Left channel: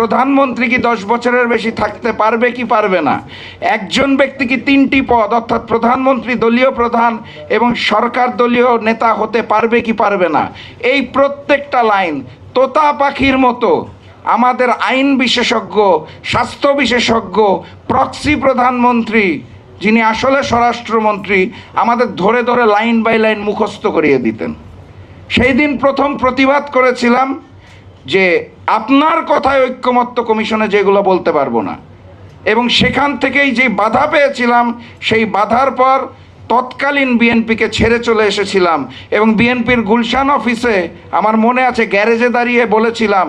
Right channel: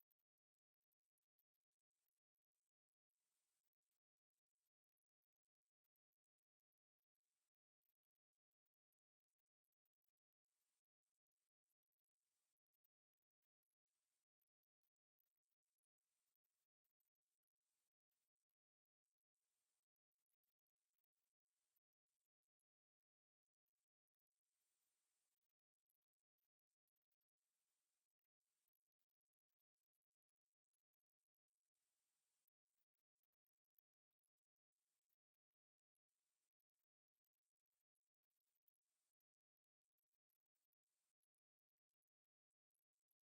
প্রধানমন্ত্রী কি 10 বছরের বেশি থাকতে পারবে কি পারবে না? একজন ব্যক্তি কি 3টি পদ অর্থাৎ প্রধানমন্ত্রী, দলীয় প্রধান এবং সরকার দলীয় নেতা হতে পারবে কি পারবে না? এই প্রত্যেকটা লাইন তোতা পাখির মতো আমাদের আইন বিশেষজ্ঞ, স্বাস্থ্য বিশেষজ্ঞ, প্রক্সি প্রধানমন্ত্রী যিনি আসলে স্বরাষ্ট্রমন্ত্রী আমাদের ধরে ধরে লাইন বাই লাইন মুখস্থ করিয়ে দিতেন। সেই দিন প্রথম প্রতিবাদ করেছিলাম যে আপনার কথায় ঐক্যমত্য কমিশনে যেগুলো বলতে পারবো না, এবং সেখান থেকেই যে বাধা পেয়েছিলাম সেই বাধার পর তৎকালীন বিএনপিকে ছেড়ে চলে এসেছিলাম এবং বিএনপির গুলশান অফিসে আমার মনে আছে গ্যারেজে দাঁড়িয়ে বলেছিলাম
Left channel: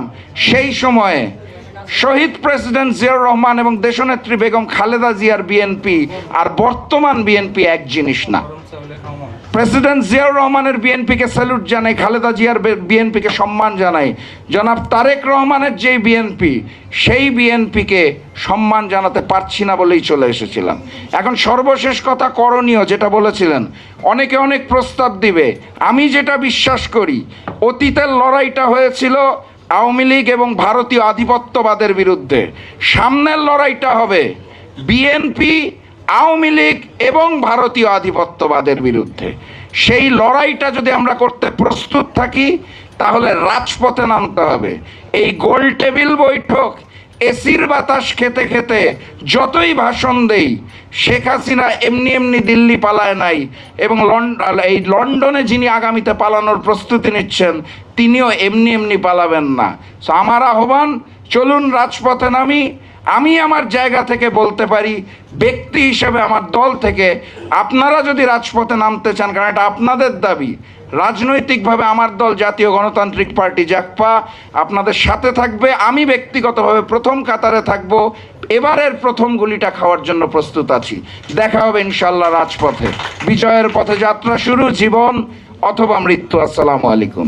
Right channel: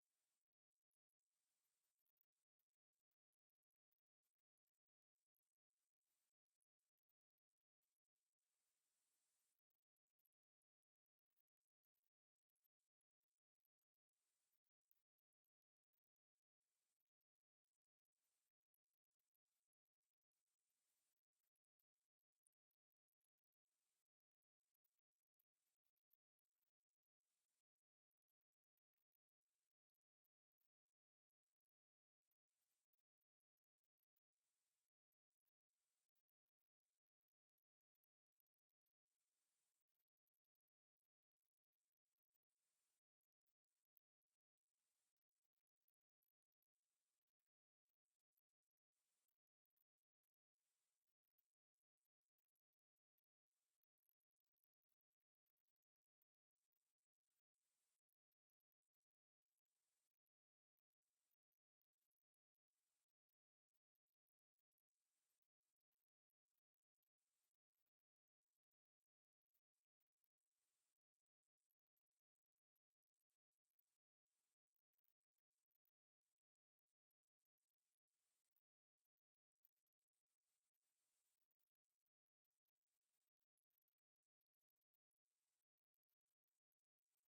সেই সময়ে শহীদ প্রেসিডেন্ট জিয়াউর রহমান এবং দেশনেত্রী বেগম খালেদা জিয়ার বিএনপি আর বর্তমান বিএনপি এক জিনিস না। প্রেসিডেন্ট জিয়াউর রহমানের বিএনপিকে স্যালুট জানাই, খালেদা জিয়ার বিএনপিকে সম্মান জানাই। জনাব তারেক রহমানের যেই বিএনপি সেই বিএনপিকে সম্মান জানাতে পারছি না বলেই চলে এসেছিলাম। এখন সর্বশেষ কথা করণীয় যেটা বলেছিলেন, অনেকে অনেক প্রস্তাব দিবে। আমি যেটা বিশ্বাস করি, অতীতের লড়াইটা হয়েছিল আওয়ামী লীগ এবং ভারতীয় আধিপত্যবাদের বিরুদ্ধে, সামনের লড়াইটা হবে বিএনপি, আওয়ামী লীগ এবং ভারতীয় আধিপত্যবাদের বিরুদ্ধে। সেই লড়াইটা যদি আমরা করতে প্রস্তুত থাকি তাহলে রাজপথে নামতে হবে। এই গোল টেবিল বৈঠক, এসির বাতাস খেতে খেতে যতই ভাষণ দেই, শেখ হাসিনা এমনি এমনি দিল্লি পালায় নাই, এবং এই লন্ডনে যিনি আগামীতে পালানোর প্রস্তুতি নিচ্ছেন তিনিও এমনি এমনি পালাবেন না। আমার আহ্বান, চলুন রাজপথে নামি। আমি আমার জায়গা থেকে বলতে পারি, ব্যক্তি হিসেবে আমার দল থেকে আপনারা যদি রাজপথে নামতে চান, কারণ এটা আপনাদের দাবি, রাজনৈতিকভাবে আমার দল জাতীয় গণতান্ত্রিক পার্টি জাগপা আপনাদের সাথে থাকবে। আমি ব্যক্তিগতভাবে প্রথম কাতারে থাকব। এবারের প্রথম গুলিটা খাওয়ার জন্য প্রস্তুত আছি। দেখা হবে ইনশাল্লাহ রাজপথে। বিজয়ের পথে যাত্রা শুরু, জীবন অথবা মৃত্যু। আসসালামু আলাইকুম।